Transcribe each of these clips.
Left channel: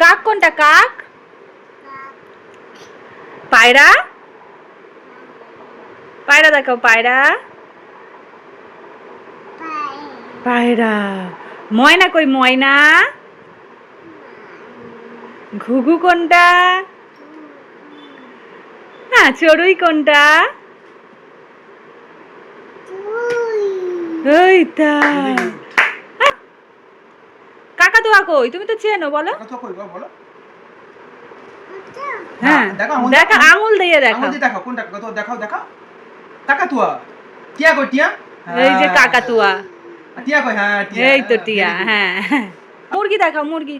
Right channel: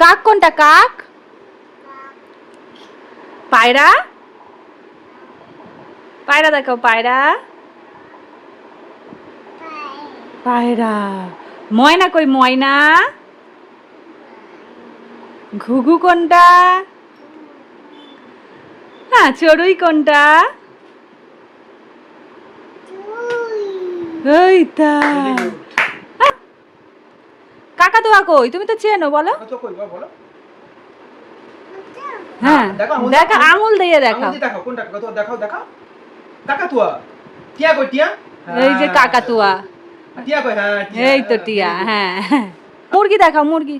কাক কোনটা? কাক? পায়রা? পায়রা দেখাও, পায়রা। পায়রা। ময়না কই? ময়না। ঘুঘু কোনটা? হ্যাঁ, চড়ুই কোনটা? ওই তা। কাকাতুয়া কই? তুমি তো চেনো, বলো। হ্যাঁ দেখো, আঙুল দিয়ে দেখাও। দেখাও কোনটা কাকাতুয়া, দেখাও দেখাও। কাকাতুয়া। টিয়া কই? টিয়া। এই যে কাকাতুয়া। টিয়া কই? হ্যাঁ টিয়া। এই তো টিয়া। হ্যাঁ। মুরগি দেখাও, মুরগি।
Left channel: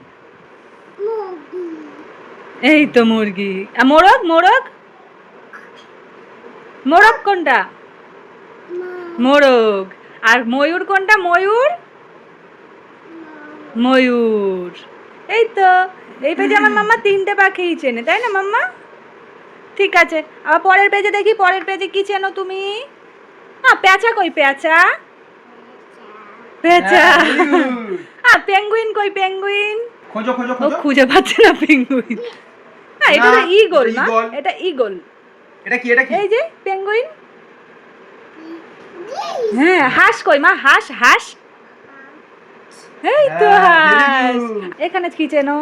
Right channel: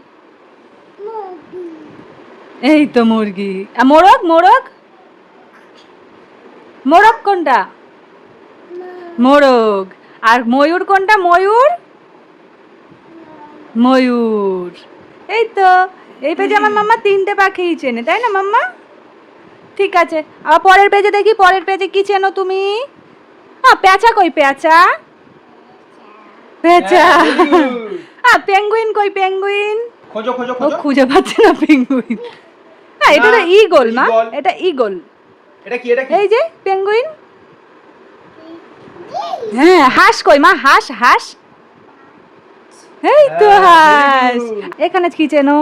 এই তো মুরগি। আর মোরগ? মোরগ? মোরগ কোনটা? মোরগ। আর ময়ূর কোনটা? ময়ূর। ময়ূর। এই তো। এই পেজে আমার মাম্মা 3টে পাখিই চেনে, তাই না মাম্মা? ঠিক আছে, আবার পরের পেজে দেখি, পরের পেজে কি চেনো তুমি? পেঁচা কই? পেঁচা। পেঁচা। আর পেঙ্গুইন কই? পেঙ্গুইন। খোঁজো খোঁজো ও খোঁজো। খুঁজে পাচ্ছে না পেঙ্গুইন। এটা তো ঈগল না? এটা ঈগল। এটা কি? এটা কি? এই যে পেঙ্গুইন। হ্যাঁ, হাঁস কই মা? হাঁস, হাঁস। এই তো হাঁস। এখানে কি চেনো?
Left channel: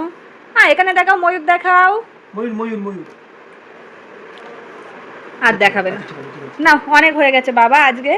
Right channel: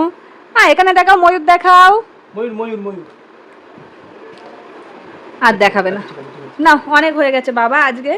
এখানে দেখাও, ময়ূর দেখাও। ময়ূর ময়ূর ময়ূর। আর দেখাবে না। না, অনেক হয়ে গেছে বাবা আজকে।